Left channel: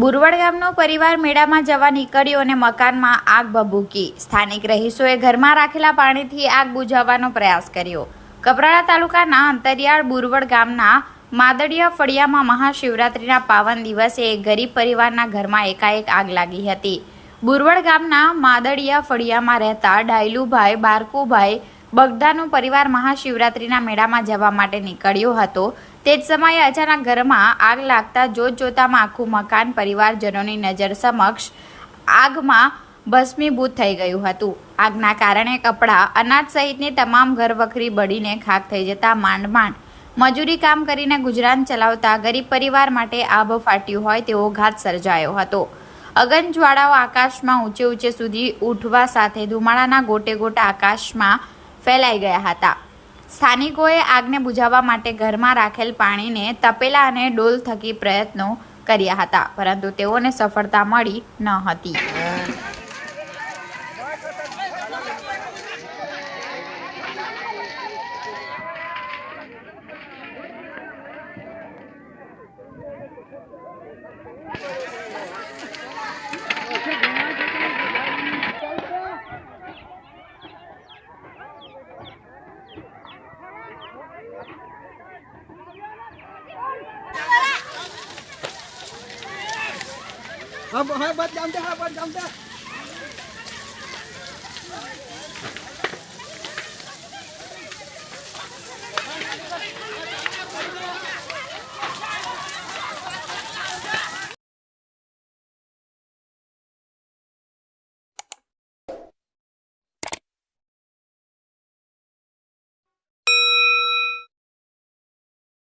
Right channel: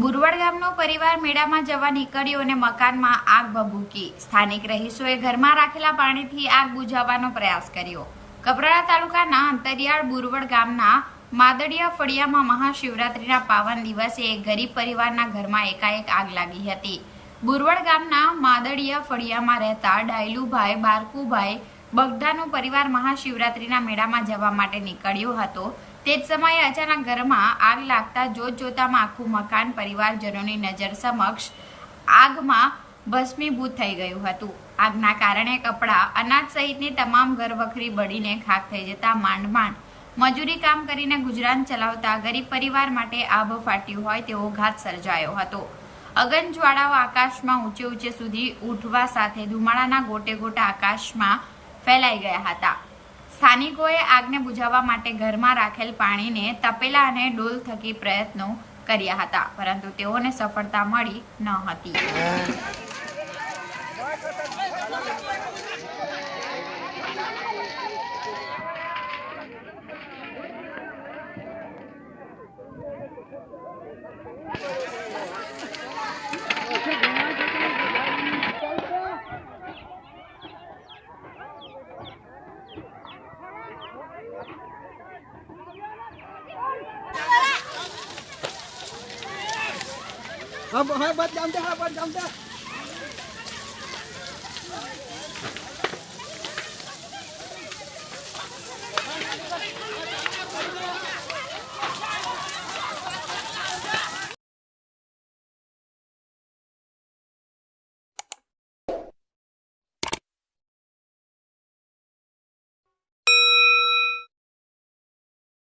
બુરવડ ગામનો પરિવાર મેળામાં જવા નીકળ્યો અને મકાનમાં આગ ભભૂકી. સ્થાનિક રહીશોએ ઘરમાં રાખેલા પાણીથી આગ બુઝાવવાનો પ્રયાસ કર્યો. કપરાડા તાલુકાના અંતરિયાળ બુરવડ ગામના માદડિયા ફળિયામાં મહાશિવરાત્રિના પાવન દિવસે એક ગરીબ પરિવારના ઘરમાં એકાએક આગ લાગી હતી. બુરવડ ગામના માદડિયા ફળિયામાં રહેતા ડાયલુભાઈ બારકુભાઈ બગદાનો પરિવાર મહાશિવરાત્રિના મેળામાં જવા માટે નીકળ્યો હતો. તે જ સમયે અચાનક ઘરમાં આગ લાગતા જોત જોતામાં આખું મકાન પરિવારજનોની નજર સમક્ષ આગમાં ભસ્મીભૂત થઈ ગયું હતું. આગના કારણે કપડાં, અનાજ સહિતની તમામ ઘરવખરી બળીને ખાક થઈ જતા માંડ માંડ મજૂરી કામ કરીને ગુજરાન ચલાવતા ગરીબ પરિવાર માટે આભ ફાટ્યું હોય તેવો ઘાત સર્જાયો હતો. અગન જ્વાળાઓ આકાશમાં ઊંચે ઊંચે સુધી ઉઠવા સાથે ધુમાડાના ગોટે ગોટા આકાશમાં ફેલાઈ ગયા હતા. સ્થાનિકોએ આગને બુઝાવવા માટે ઘરમાં રાખેલ પાણીને તપેલા અને ડોલ થકી પ્રયત્નો કર્યા હતા, પરંતુ તેઓને સફળતા મળી ન હતી. હા બસ જામતે હા બસ જામતે